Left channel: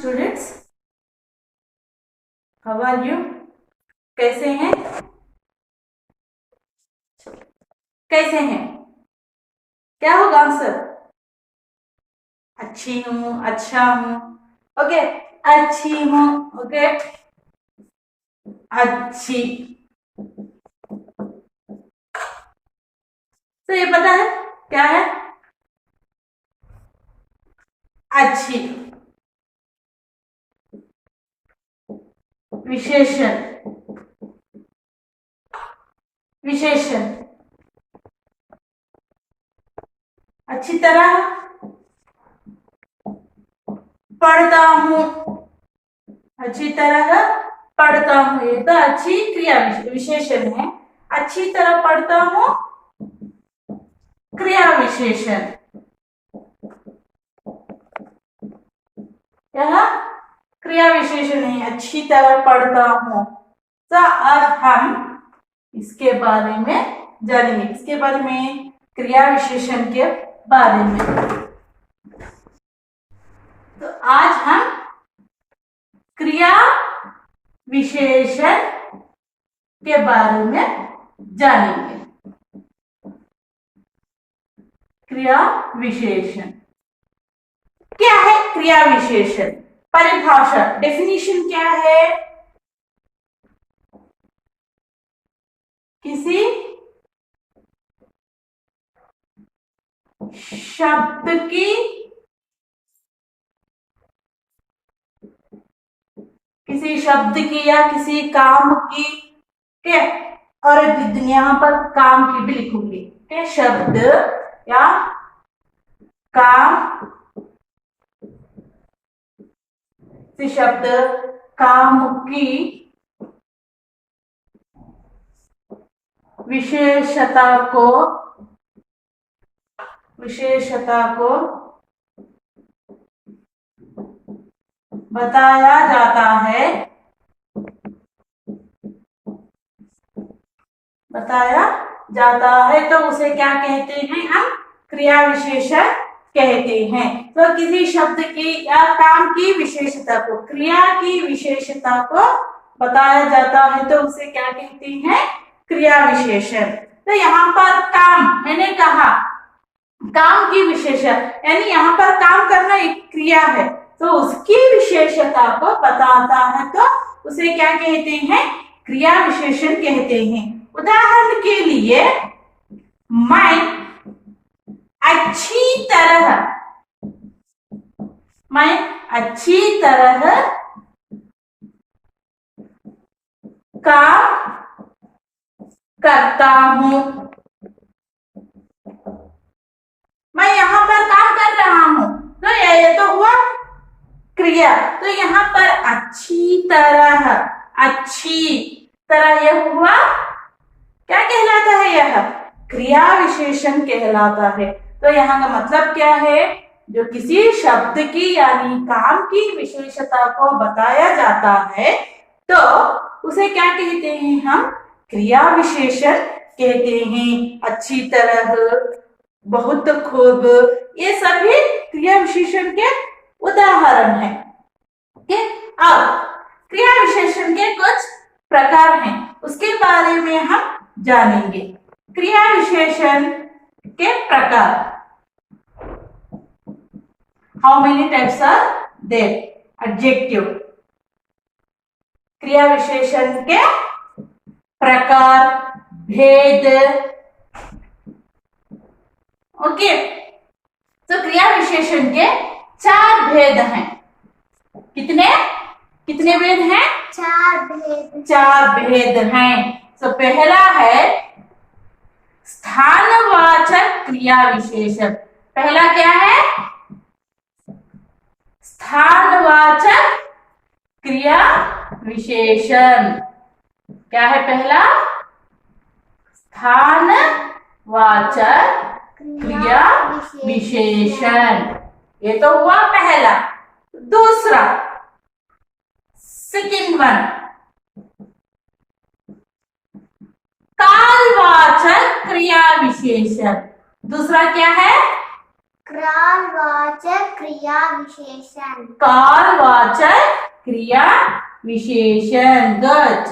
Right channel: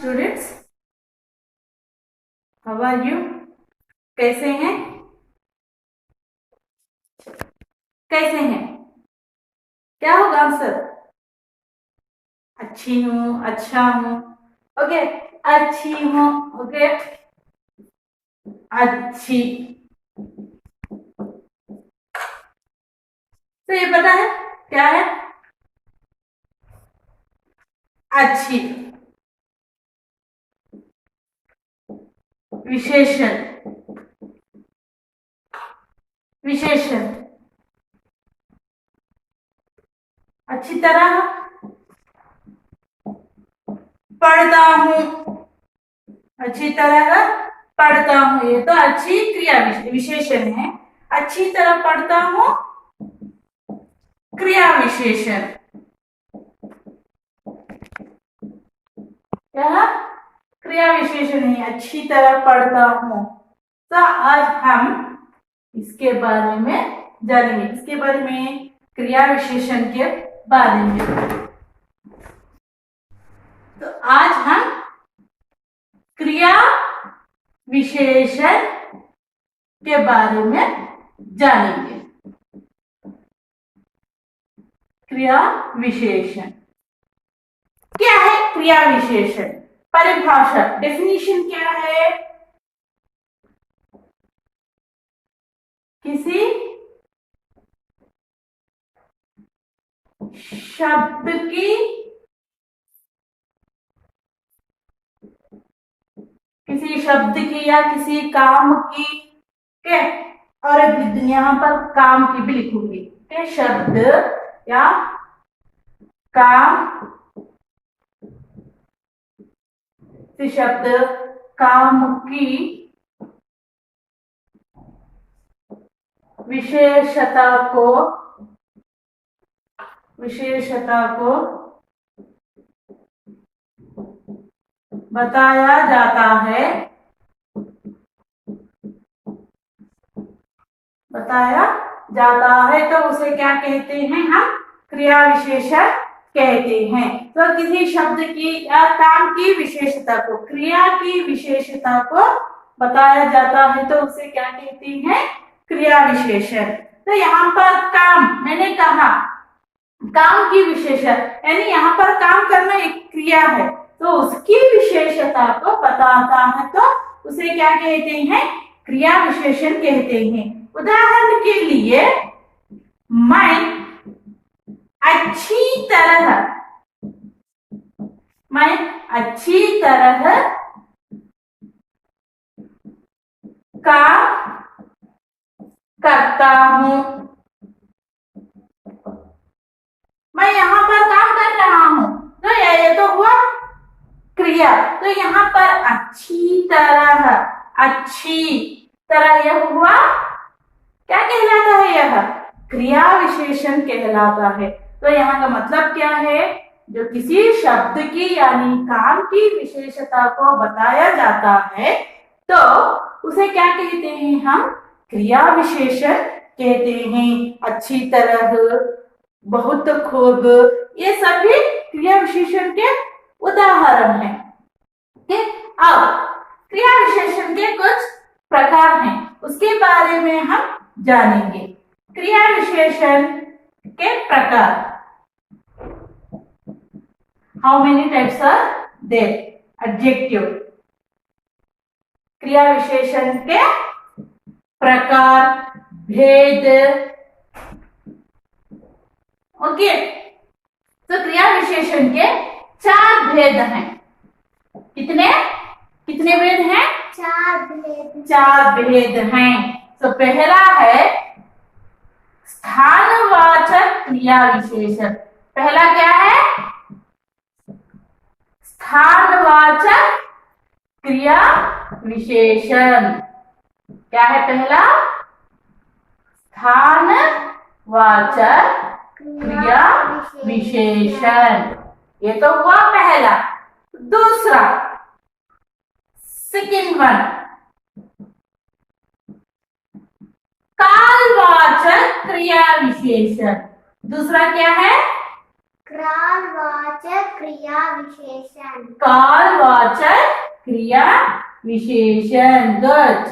Students, how are you? कैसे हैं? कैसे हैं? क्या होगा आंसर? अच्छी हूँ, अच्छा हूँ। ओके, अच्छी हूँ। ओके, अच्छी। तो ये पता है क्या है? अच्छी। विशेषण। विशेषण। अच्छी तरह पढ़ता हूँ। अच्छी तरह पढ़ता हूँ, ये तो अच्छी क्रिया विशेषण है। अच्छी तरह पढ़ता हूँ, क्रिया विशेषण। यह क्रिया विशेषण है। अच्छी तरह पढ़ता हूँ। तो आज हम इसके बारे में जानेंगे, इसके बारे में, क्रिया विशेषण के बारे में। तो आज हम क्रिया विशेषण के बारे में जानेंगे। क्रिया विशेषण क्या है? क्रिया विशेषण परिभाषा, डेफिनेशन क्या है? किसी शब्द की या किसी काम की, क्या, और यहाँ पर काम की भी लिखूंगी, क्या, शब्द या काम, शब्द काम की विशेषता को बताया जाता है, तो उसे क्या कहते हैं? हम क्रिया विशेषण कहते हैं। तो किसी शब्द की या काम की विशेषता को, क्रिया की विशेषता को बताया जाता है, तो उसे क्या कहते हैं? क्रिया विशेषण। तो यहाँ पर काम, मैंने कहा काम की विशेषण, यानी यहाँ पर काम करना एक क्रिया है, तो उसकी विशेषता को बताता है, तो उसे क्या कहते हैं? क्रिया विशेषण कहते हैं। उदाहरण के लिए, मैं अच्छी तरह काम करता हूं। मैं यहाँ पर काम कर रहा हूं, तो ये तो हुआ क्रिया। तो यहाँ पर अच्छी तरह यह हुआ, क्या कहलाता है? यह क्रिया विशेषण कहलाता है। तो यहाँ का मतलब क्या है? जो किसी शब्द की यानी काम की विशेषता को बताया जाता है, तो उसे क्या कहते हैं? हम क्रिया विशेषण कहते हैं। अच्छी तरह, बहुत खूब, ये सभी क्रिया विशेषण के उदाहरण हैं। अब क्रिया विशेषण के कुछ प्रकार हैं, उसके बारे में हम जानेंगे। क्रिया विशेषण के प्रकार, how many types are there? Adjective. क्रिया विशेषण के प्रकार, भेद। ओके, तो क्रिया विशेषण के 4 भेद हैं। कितने भेद हैं? 4 भेद हैं। तो पहला है स्थानवाचक क्रिया विशेषण। पहला क्या है? स्थानवाचक क्रिया विशेषण। क्या है पहला? स्थानवाचक क्रिया विशेषण। ये तो हुआ पहला। दूसरा, सेकंड वन, कालवाचक क्रिया विशेषण। दूसरा क्या है? कालवाचक क्रिया विशेषण। कालवाचक क्रिया विशेषण। गुड।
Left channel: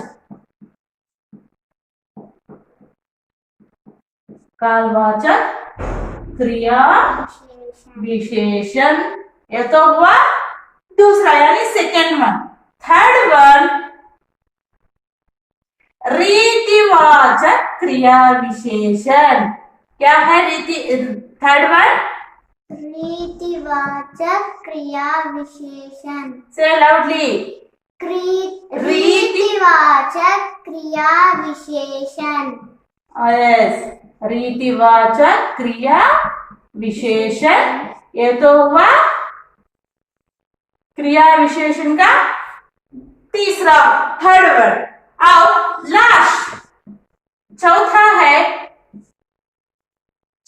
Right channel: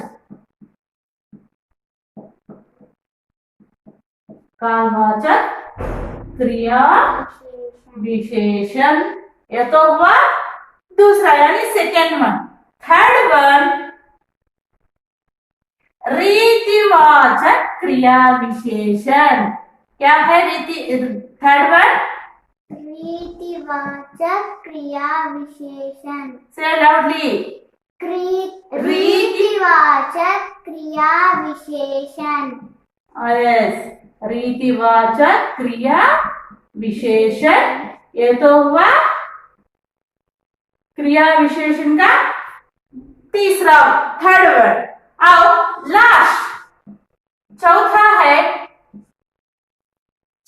कालवाचक क्रिया विशेषण। ये तो हुआ दूसरा यानी सेकेंड वन। थर्ड वन रीतिवाचक क्रिया विशेषण। क्या है थर्ड वन? रीतिवाचक क्रिया विशेषण। से लाउडली। रीतिवाचक क्रिया विशेषण। यस, रीतिवाचक क्रिया विशेषण। ये तो हुआ क्रिया विशेषण का तीसरा, थर्ड वर्ड। अब लास्ट चौथा है,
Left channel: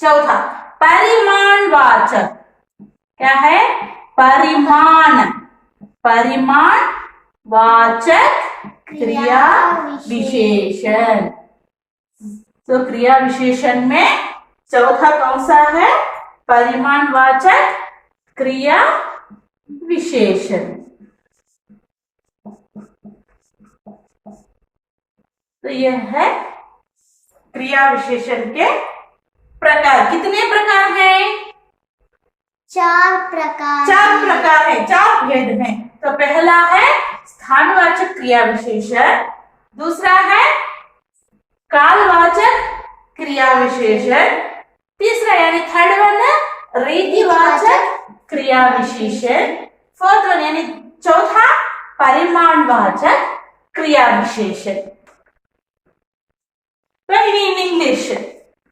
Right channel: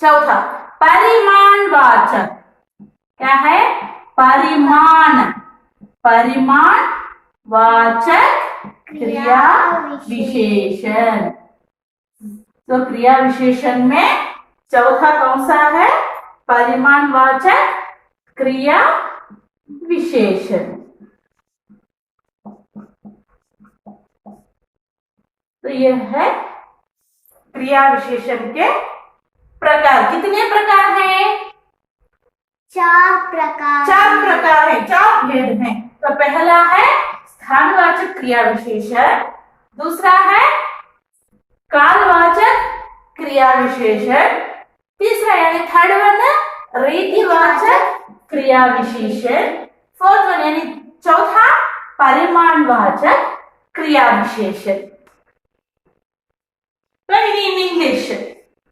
चौथा परिमाणवाचक। क्या है? परिमाण। परिमाण वाचक क्रिया विशेषण। तो क्रिया विशेषण में चौथा कौन सा है? परिमाणवाचक क्रिया विशेषण। तो यह है क्रिया विशेषण के प्रकार। कितने प्रकार हैं? 4 प्रकार। 4 प्रकार है, 4 भेद हैं। तो पहला है स्थानवाचक क्रिया विशेषण, दूसरा है कालवाचक क्रिया विशेषण, तीसरा यानी थर्ड वन रीतिवाचक क्रिया विशेषण, फोर्थ वन यानी चौथा परिमाणवाचक क्रिया विशेषण। तो इन इंग्लिश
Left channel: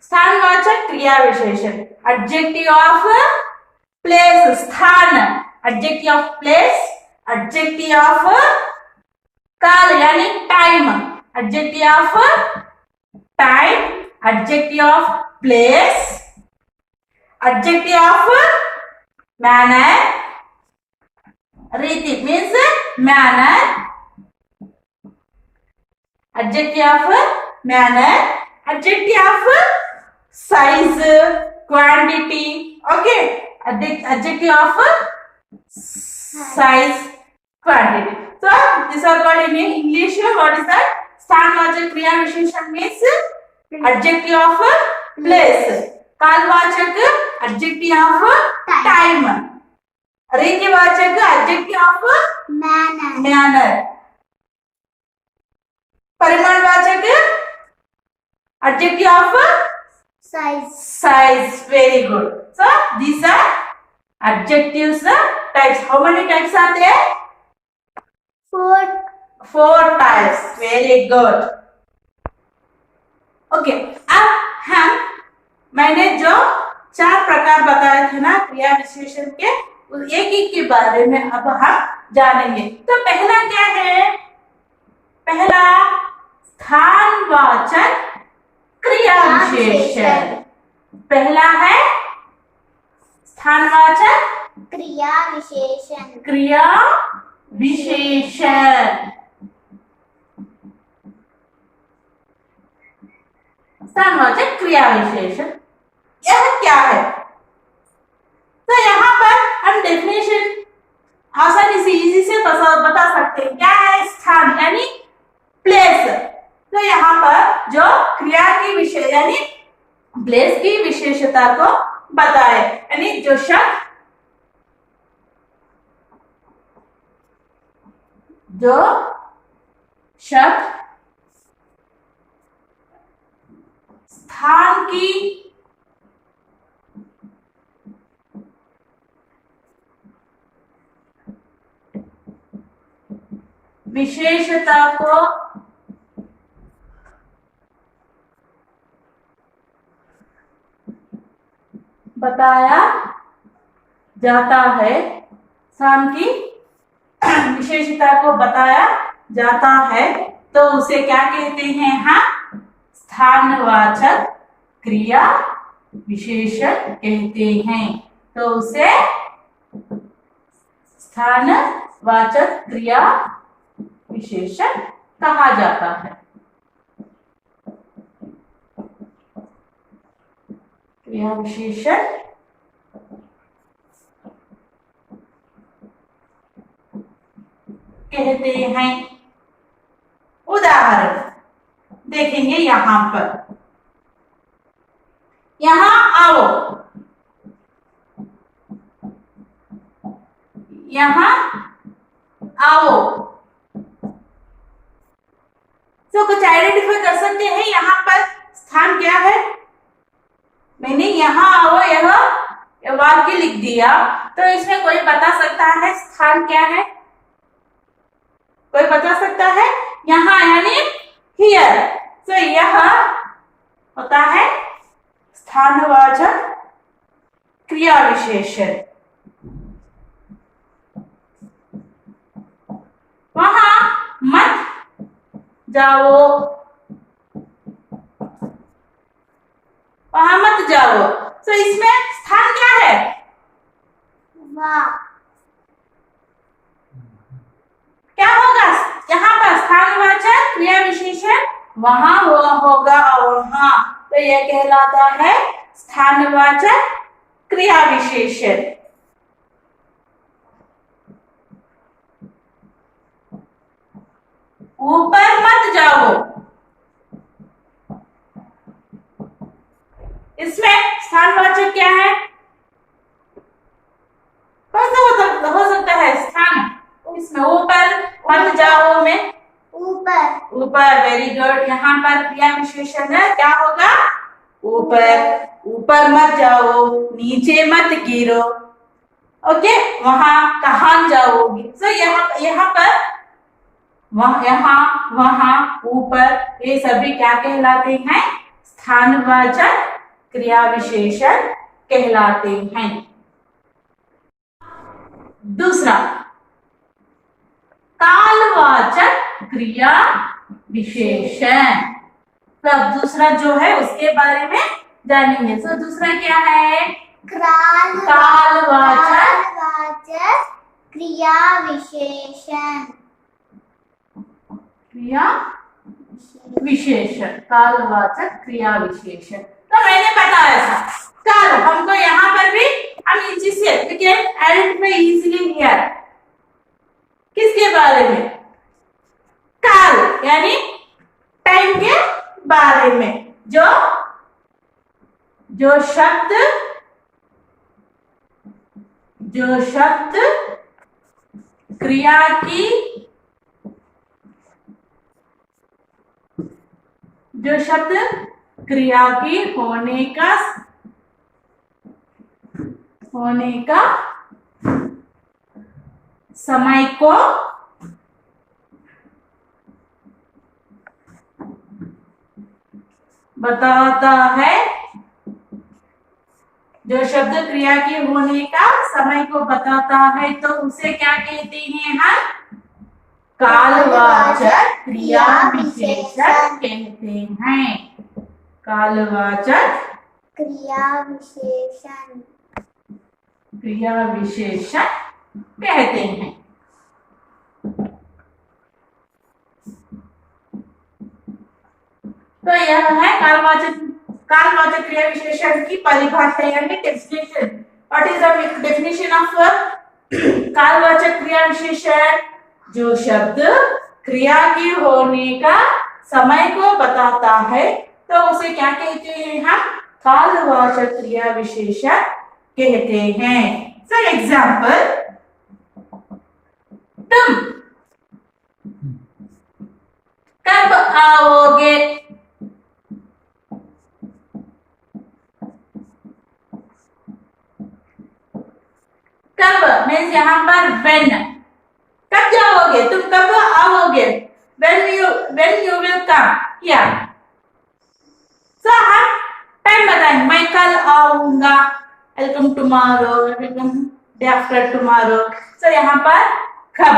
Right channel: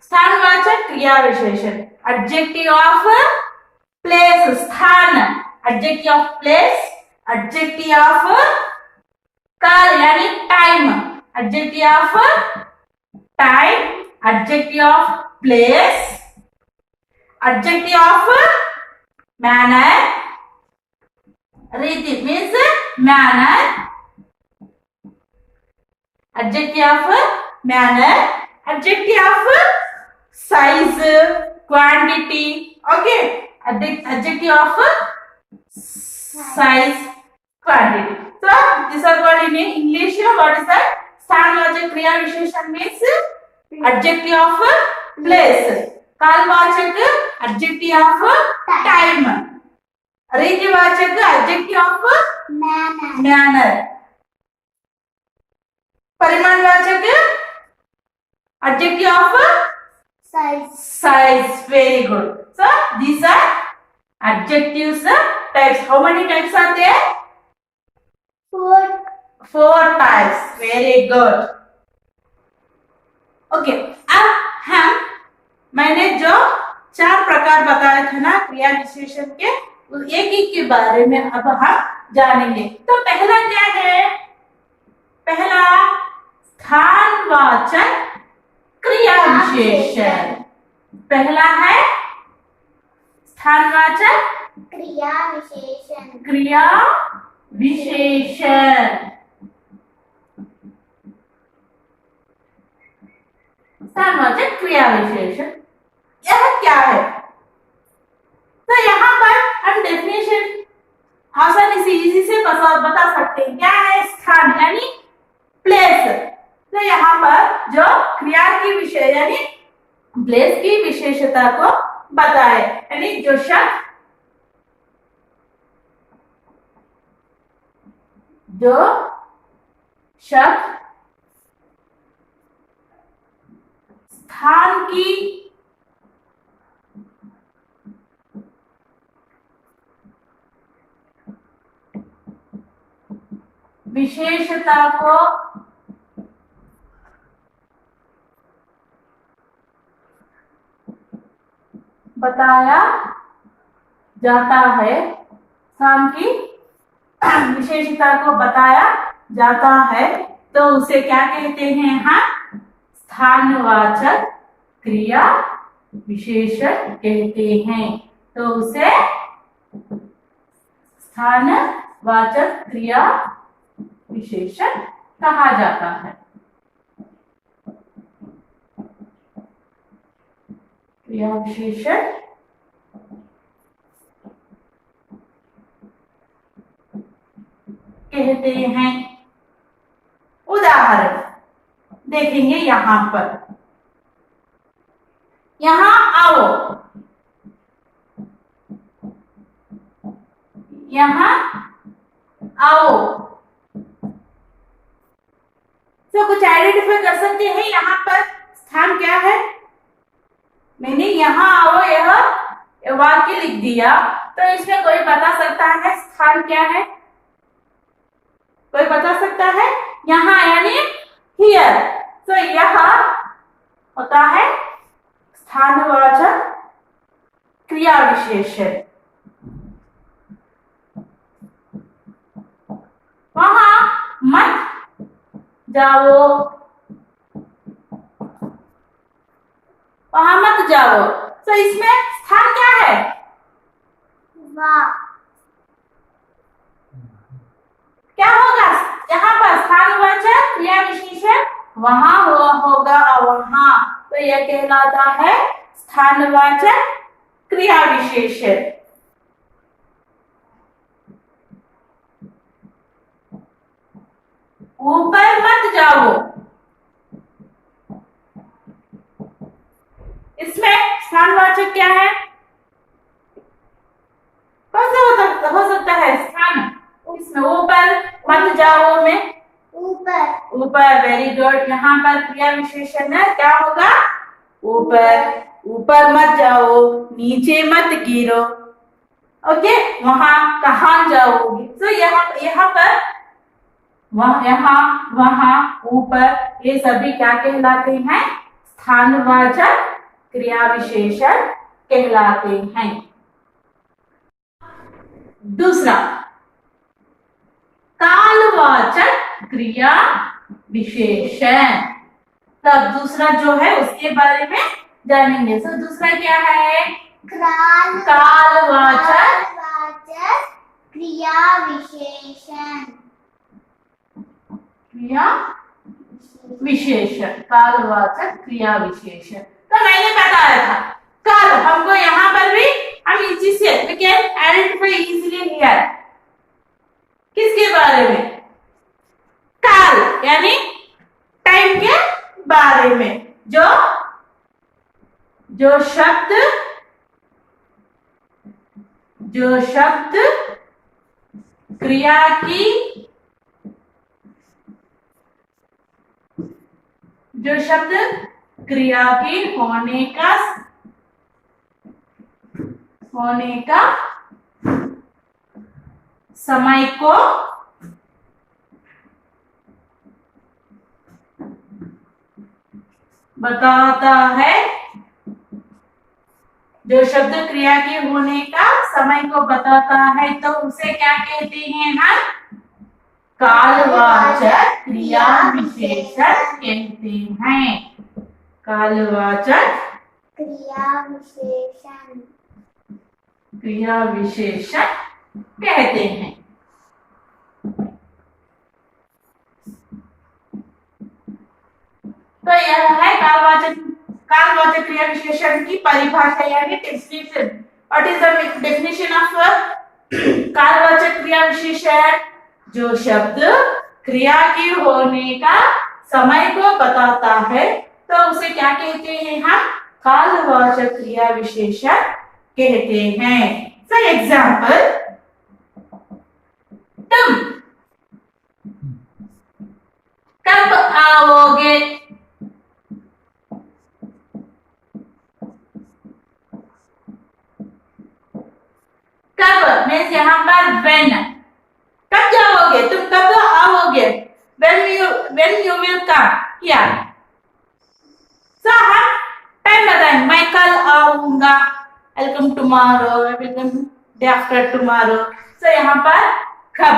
स्थानवाचक क्रिया विशेषण, एडजेक्टिव ऑफ प्लेस, स्थान, adjective of place, adjective of काल यानी time, adjective of time, adjective of place, adjective of manner, रीति means manner, adjective of manner, adjective of size, quantity, okay, adjective of size, quantity. So these are called in English. What is that? स्थानवाचक क्रिया विशेषण means adjective of place, कालवाचक adjective of time, रीतिवाचक adjective of manner, परिमाणवाचक adjective of size. Very good. So these are adjectives types. How many types are there? 4 types. Very good. Okay. अब मैंने जो 4 प्रकार बताए थे ना क्रिया विशेषण के, एक एक के बारे में अब हम जानेंगे। तो पहला क्या है? पहला स्थानवाचक क्रिया विशेषण। पहला है स्थानवाचक क्रिया विशेषण। क्रिया विशेषण। स्थानवाचक क्रिया विशेषण यह क्या है? तो यहाँ पर हम डेफिनेशन आसानी से इजी से बता सकते हैं। क्या है? स्थान यानी प्लेस। तो यहाँ पर जो क्रिया की विशेष यानी प्लेस की विशेषता को बताए, यानी जो शब्द स्थान की विशेषता को बताया जाता है, स्थान की विशेषता को बताया जाता है, तो उसे क्या कहते हैं? हम स्थानवाचक क्रिया विशेषण कहते हैं। तो उसे स्थानवाचक क्रिया विशेषण कहा जाता है। क्रिया विशेषण कहते हैं। उदाहरण देखेंगे यहां पर। यहां आओ, यहां आओ। तो कुछ आइडेंटिफाई कर सकते हैं यहाँ पर स्थान क्या है? मैंने यहाँ आओ यह वाक्य लिख दिया, तो इसमें कोई बता सकता है स्थान क्या है? कोई बता सकता है? यहाँ यानी हियर। तो यह होता है स्थानवाचक क्रिया विशेषण। वहां मत जाओ, वहां मत जाओ। तो इसमें स्थान क्या है? वाह। क्या होगा यहाँ पर? स्थानवाचक क्रिया विशेषण वहां होगा और वहां, तो यह कहलाता है स्थानवाचक क्रिया विशेषण। ऊपर मत जाओ, इसमें स्थानवाचक क्या है? कौन सा हो सकता है स्थान इसमें? ऊपर मत जाओ में ऊपर। ऊपर, वेरी गुड। यहाँ पर क्रिया विशेषण है, क्या होगा? ऊपर। ऊपर मत जाओ, नीचे मत गिरो। ओके, वहां कहाँ जाओगे? तो यहाँ पर यहाँ, वहां, ऊपर, ये सभी क्या कहलाते हैं? स्थानवाचक क्रिया विशेषण कहलाते हैं। दूसरा कालवाचक क्रिया विशेषण। तब दूसरा जो है उसके बारे में जानेंगे। तो दूसरा क्या है? कालवाचक क्रिया विशेषण। क्रिया विशेषण, कालवाचक क्रिया विशेषण। तो मैंने बताया था काल, हमको यहाँ पर भी हम इसी से we can identify easily here। किसके बारे में? काल यानी टाइम के बारे में। जो शब्द क्रिया की, जो शब्द क्रिया की होने का समय को बताता है, जो शब्द क्रिया के होने का समय को बताता है, तो उसे क्या कहते हैं हम? कालवाचक क्रिया विशेषण कहते हैं। कालवाचक क्रिया विशेषण। क्रिया विशेषण कहते हैं। तो यह है कालवाचक क्रिया विशेषण की परिभाषा यानी definition. What is the definition of कालवाचक क्रिया विशेषण? जो शब्द क्रिया के होने का समय को बताता है, तो उसे क्या कहते हैं हम? कालवाचक क्रिया विशेषण कहते हैं। फॉर एग्जाम्पल, तुम कब आओगे? कब मीन्स यहाँ पर when। कब जाओगे? तुम कब आओगे? when you will come here। तो हम टाइम बताएंगे, मैं कल आऊंगा, I'll come tomorrow, I will come day after tomorrow। तो यहाँ पर कब,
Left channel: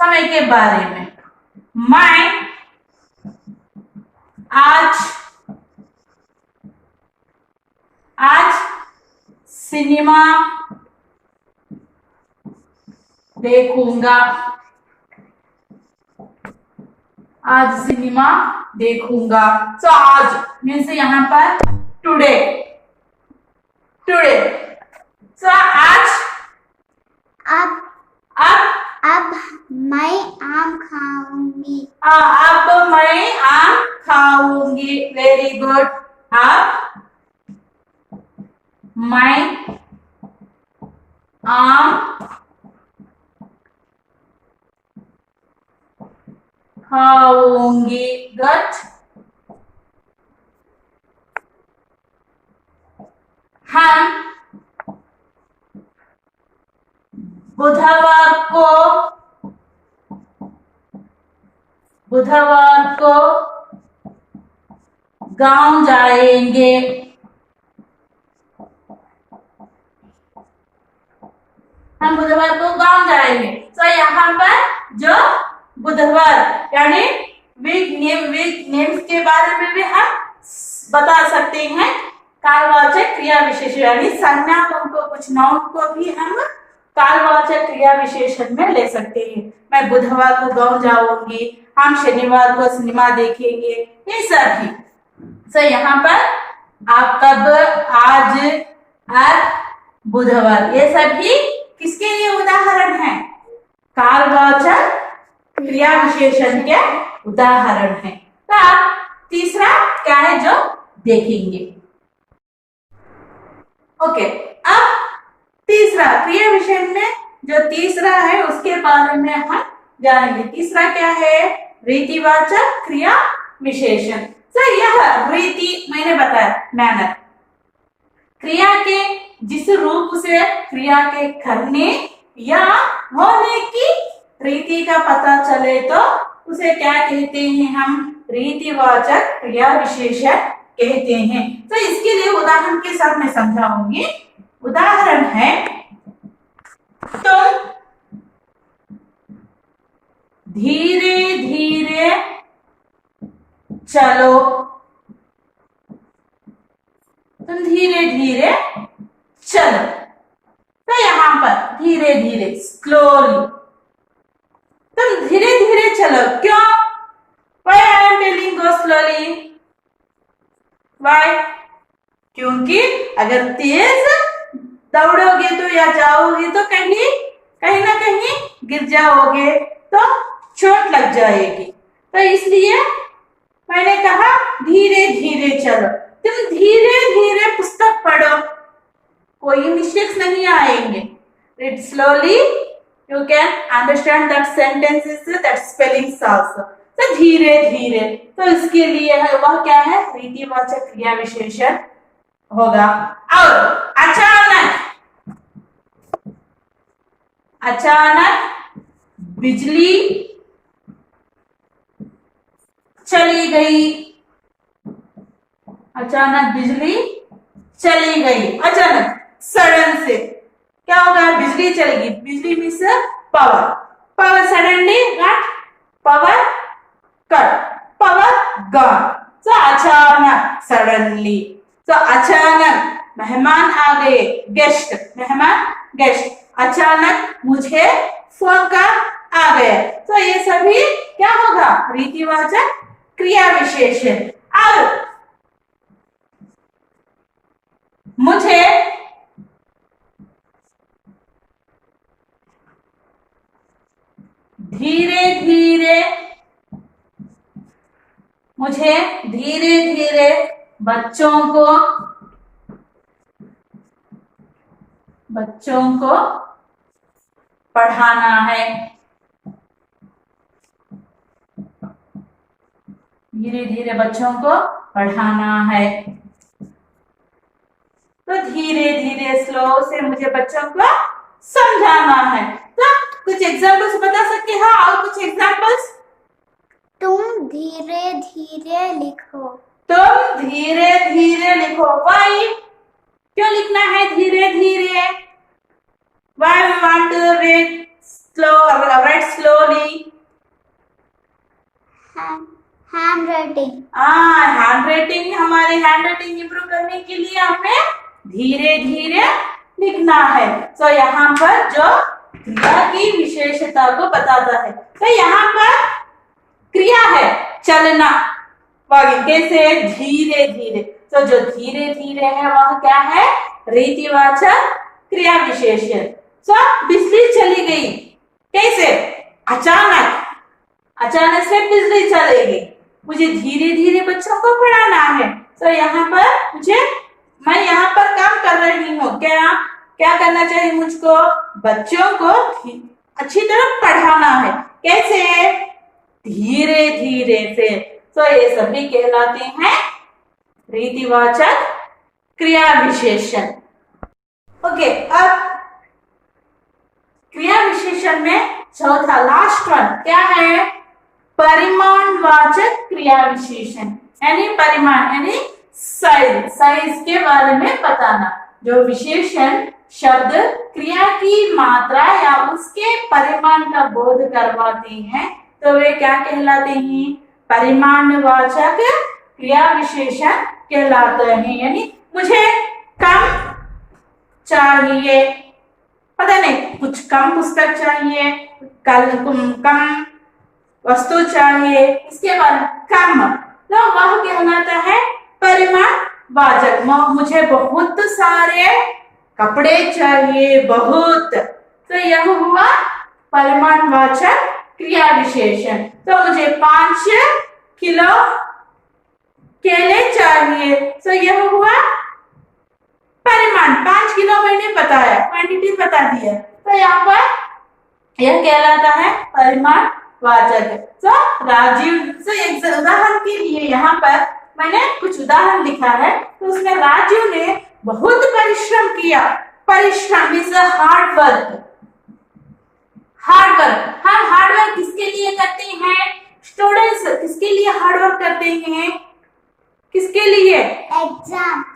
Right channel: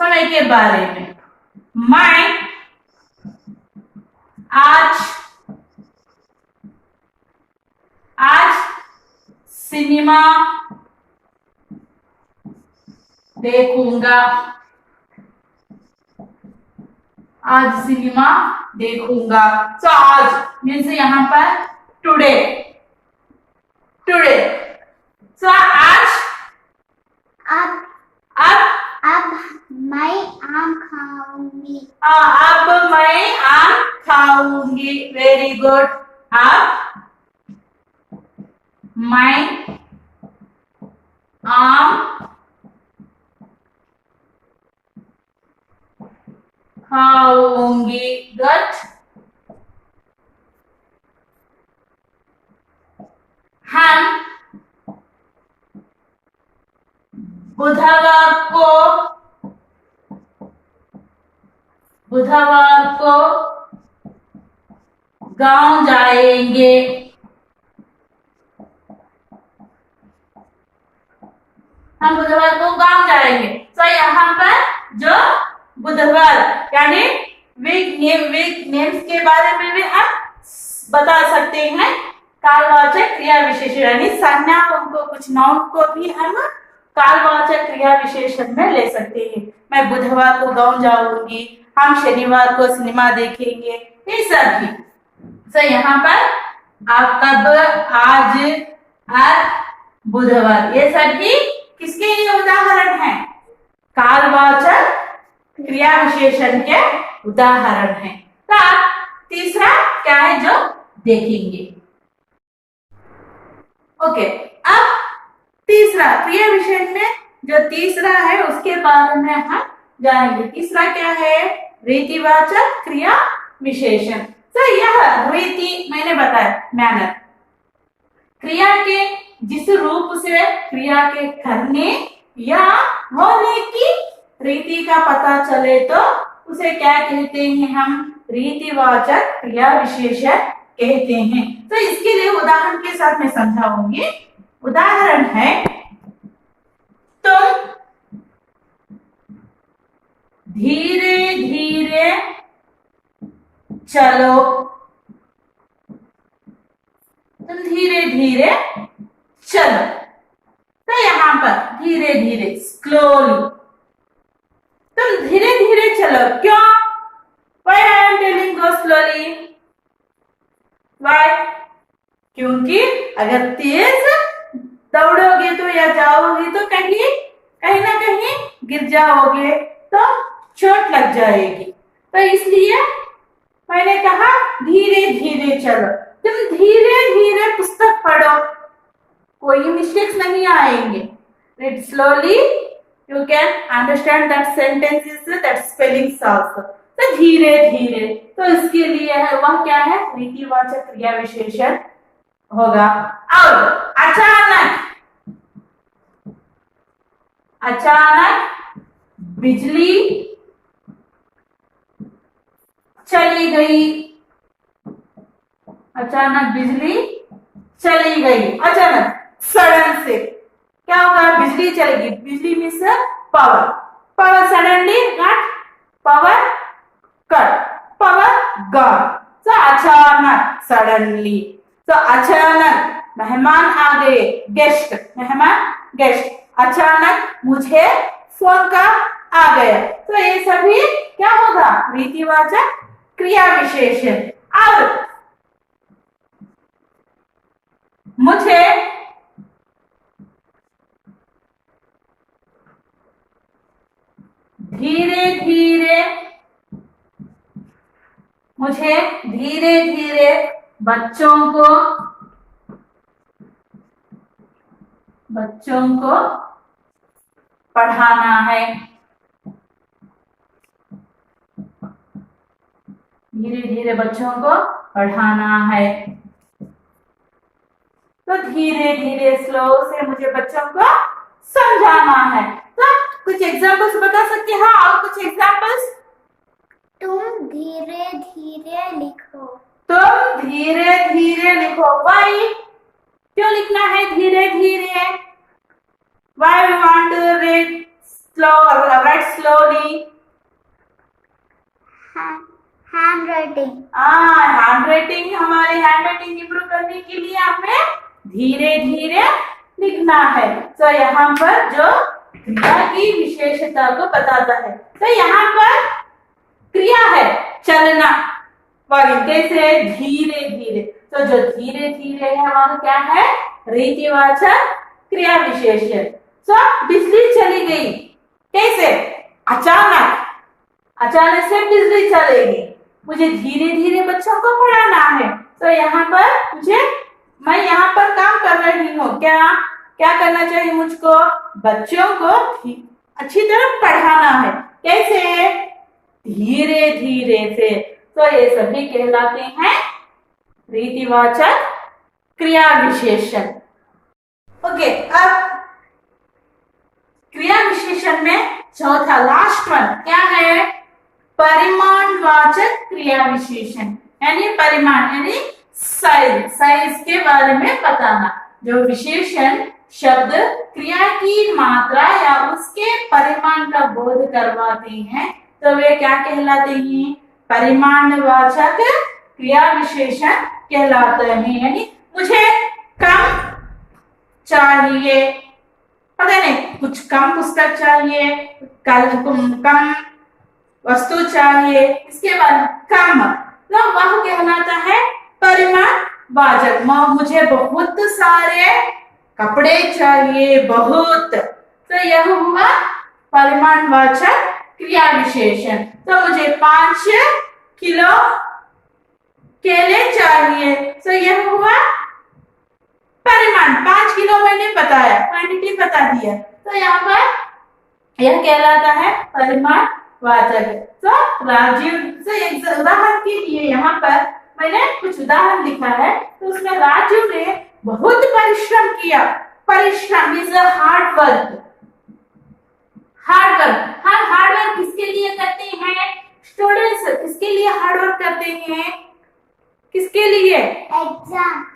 समय के बारे में। मैं आज सिनेमा देखूंगा। आज सिनेमा देखूंगा। तो आज मीन्स यहाँ पर टुडे। तो आज अब मैं अब मैं आम खाऊंगी। Very good. अब मैं आम खाऊंगी। गुड। हम बुधवार को गांव जाएंगे। हम बुधवार को गांव जाएंगे। तो यहाँ पर जो बुधवार यानी वीक नेम्स के बारे में भी हम बता सकते हैं। कालवाचक क्रिया विशेषण यानी संज्ञा को कुछ नाउन को भी हम कालवाचक क्रिया विशेषण में ले सकते हैं। मैं बुधवार को गांव जाऊंगी, हम शनिवार को सिनेमा देखेंगे, ये सब भी। तो यहाँ पर आप कब, आज, अब, बुधवार, ये सभी किसके लिए उदाहरण है? कालवाचक क्रिया विशेषण के उदाहरण है। तो आप तीसरा क्या है जो देखेंगे। ओके, अब तीसरा क्रिया विशेषण में जो तीसरा है उसके बारे में हम जानेंगे। तीसरा क्या है? रीतिवाचक क्रिया विशेषण। तो यह रीति मैंने बताया, मैनर, क्रिया के जिस रूप से क्रिया के करने या होने की रीति का पता चले तो उसे क्या कहते हैं? हम रीतिवाचक क्रिया विशेषण कहते हैं। तो इसके लिए उदाहरण के साथ मैं समझाऊंगी। उदाहरण है, तुम धीरे धीरे चलो। तुम धीरे धीरे चलो। तो यहाँ पर धीरे धीरे, स्लोली, तुम धीरे धीरे चलो। क्यों? Why I am telling go slowly? Why? क्योंकि अगर तेज दौड़ोगे तो या जाओगे तो कहीं ना कहीं गिर जाओगे तो चोट लग जाएगी। तो इसलिए मैंने कहा धीरे धीरे चलो। तुम धीरे धीरे पुस्तक पढ़ो, कोई मिस्टेक्स नहीं आएंगे। Read slowly, you can understand that sentences, that spellings also. तो धीरे धीरे, तो इसके लिए है वह क्या है? रीतिवाचक क्रिया विशेषण होगा। और अचानक, अचानक बिजली चली गई। अचानक बिजली चली गई। अचानक, सडन से क्या होगा? बिजली चलेगी। बिजली means power. Power suddenly cut, power cut, power gone. तो अचानक, सडनली। तो अचानक मेहमान आ गए, गेस्ट, मेहमान, गेस्ट। अचानक मुझे फोन का आ गया। तो ये सभी क्या होगा? रीतिवाचक क्रिया विशेषण। अब मुझे धीरे धीरे, मुझे धीरे धीरे बच्चों को पढ़ाना है। धीरे धीरे बच्चों को पढ़ाना है। तो धीरे धीरे, स्लो से मुझे बच्चों को समझाना है। तो कुछ एग्जाम्पल्स बता सकते हैं? और कुछ एग्जाम्पल्स? तुम धीरे धीरे लिखो। तुम धीरे धीरे लिखो। वाई? क्यों लिखना है धीरे धीरे? Why we want to read slow, right slowly? Handwriting. Handwriting, हमारे हैंड राइटिंग इंप्रूव करने के लिए हमें धीरे धीरे लिखना है। तो यहाँ पर जो क्रिया की विशेषता को बताता है। तो यहाँ पर क्रिया है चलना, कैसे? धीरे धीरे। तो जो धीरे धीरे है वह क्या है? रीतिवाचक क्रिया विशेषण। तो बिजली चली गई, कैसे? अचानक। अचानक से बिजली चलेगी, मुझे धीरे धीरे बच्चों को पढ़ाना है। तो यहाँ पर मैं यहाँ पर काम कर रही हूँ। क्या क्या करना चाहिए मुझको? बच्चों को अच्छी तरह पढ़ाना है। कैसे? धीरे धीरे से। तो ये सभी कहलाते हैं रीतिवाचक क्रिया विशेषण। ओके, अब क्रिया विशेषण में चौथा लास्ट वन क्या है? परिमाणवाचक क्रिया विशेषण, यानी परिमाण यानी साइज के बारे में बताना। जो विशेषण शब्द क्रिया की मात्रा या उसके परिमाण का बोध करवाते हैं तो वे क्या कहलाते हैं? परिमाणवाचक क्रिया विशेषण कहलाते हैं। यानी मुझे कम चाहिए, पता नहीं कुछ कम पुस्तक चाहिए, कम वस्तु चाहिए, इसके बाद कम, तो वह कहलाता है परिमाणवाचक। मुझे बहुत सारे कपड़े चाहिए, बहुत, तो यह हुआ परिमाणवाचक क्रिया विशेषण। तो मुझे 5 किलो केले चाहिए, तो यह हुआ परिमाण। 5 किलो मैंने बताया, क्वांटिटी बता दिया, तो यहाँ पर यह कहलाता है परिमाणवाचक। तो राजीव से एक उदाहरण के लिए यहाँ पर मैंने कुछ उदाहरण लिखा है। तो उसमें राजीव ने बहुत परिश्रम किया। परिश्रम is hard work. Hard work, हम हार्ड वर्क किसके लिए करते हैं? स्टूडेंट्स किसके लिए हार्ड वर्क करते हैं? किसके लिए?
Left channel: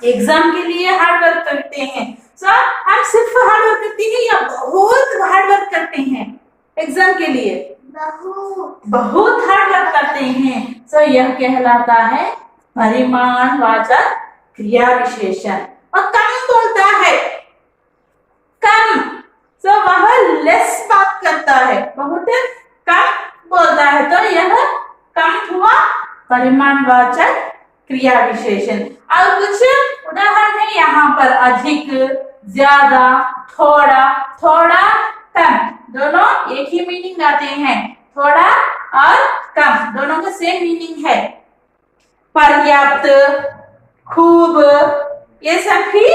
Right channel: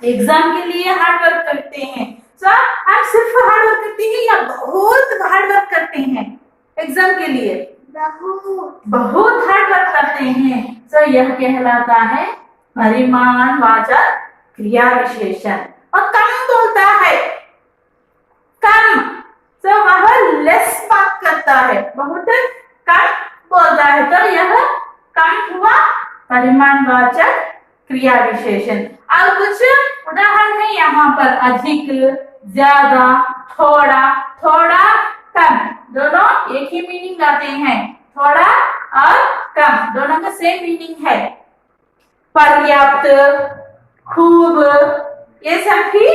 एग्जाम के लिए हार्ड वर्क करते हैं। तो हम सिर्फ हार्ड वर्क करते हैं या बहुत हार्ड वर्क करते हैं एग्जाम के लिए? बहुत हार्ड वर्क करते हैं। तो यह कहलाता है परिमाणवाचक क्रिया विशेषण। और कम बोलता है, कम, तो वह लेस बात करता है, बहुत कम बोलता है, तो यह कम हुआ परिमाणवाचक क्रिया विशेषण। और कुछ उदाहरण है यहाँ पर। अधिक, ज्यादा, थोड़ा, थोड़ा कम, दोनों एक ही मीनिंग आते हैं। थोड़ा और कम दोनों का सेम मीनिंग है। पर्याप्त, खूब, ये सब भी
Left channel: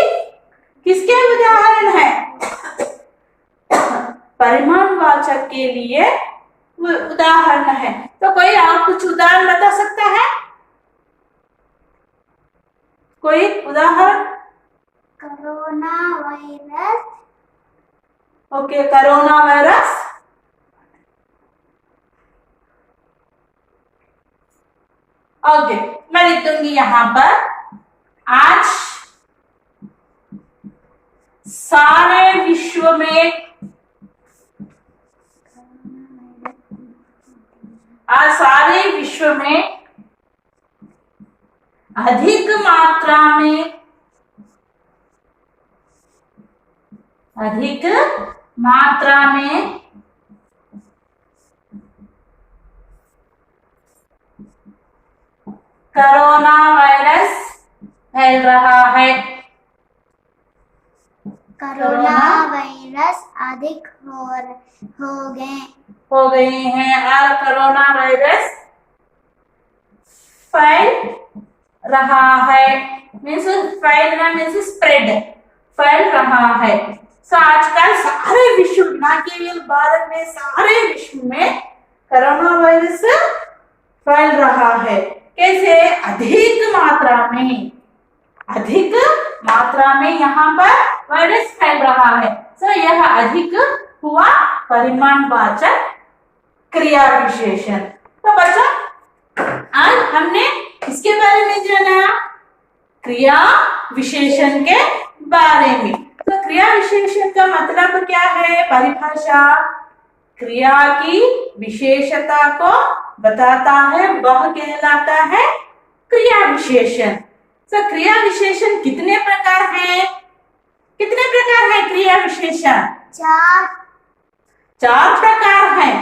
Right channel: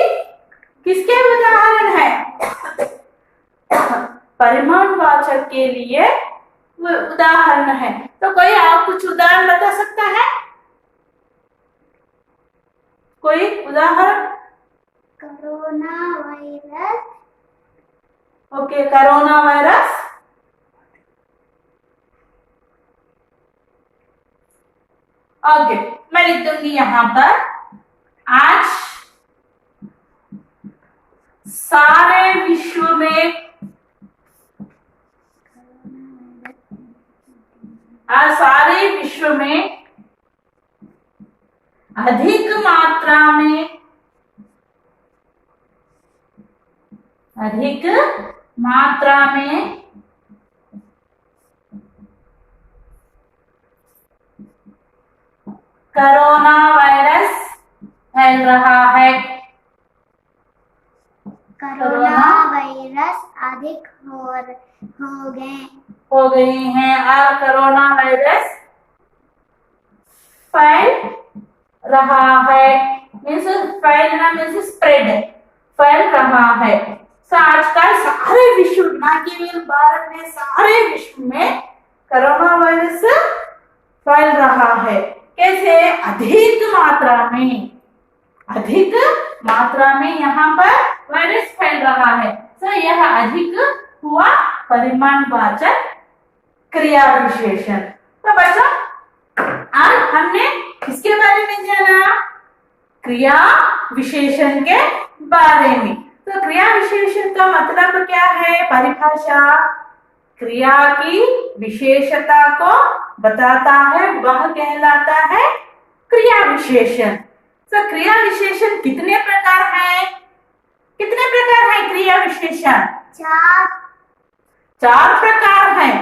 किसके उदाहरण है? परिमाणवाचक के लिए उदाहरण है। तो कोई और कुछ उदाहरण बता सकता है? कोई उदाहरण? Corona virus. Okay, corona virus. Okay, मैं लिख दूंगी यहाँ पर। आज सारे विश्व में अधिक मात्रा में कोरोना वायरस फैल रहा है। कोरोना वायरस अधिक हो गए हैं और कोरोना वायरस फैल रहा है। मीन्स फैलना मीन्स स्प्रेड, फैल रहा है। तो आजकल सारे विश्व, ना केवल भारत में, सारे विश्व में कोरोना वायरस फैल रहा है। कैसे? अधिक मात्रा में यहाँ पर वायरस फैल रहा है। तो यह अधिक हुआ परिमाणवाचक क्रिया विशेषण। तो बच्चों, आज हमने किसके बारे में जाना? क्रिया विशेषण के बारे में। तो क्रिया विशेषण का मतलब क्या है? परिभाषा क्रिया की विशेषता को बताता है, वह कहलाता है क्रिया विशेषण। तो क्रिया विशेषण कितने प्रकार हैं? क्रिया विशेषण? 4 प्रकार हैं।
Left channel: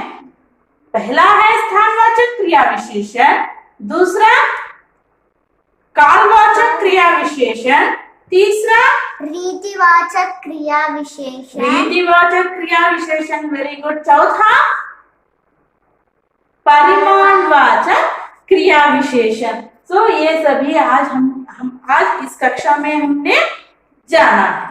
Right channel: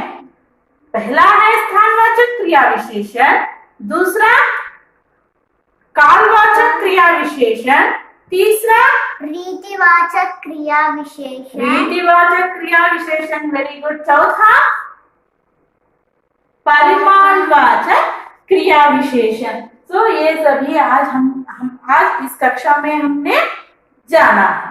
पहला है स्थानवाचक क्रिया विशेषण, दूसरा कालवाचक क्रिया विशेषण, तीसरा रीतिवाचक क्रिया विशेषण। Very good. चौथा परिमाणवाचक क्रिया विशेषण। तो ये सभी आज हम आज इस कक्षा में हमने जाना है।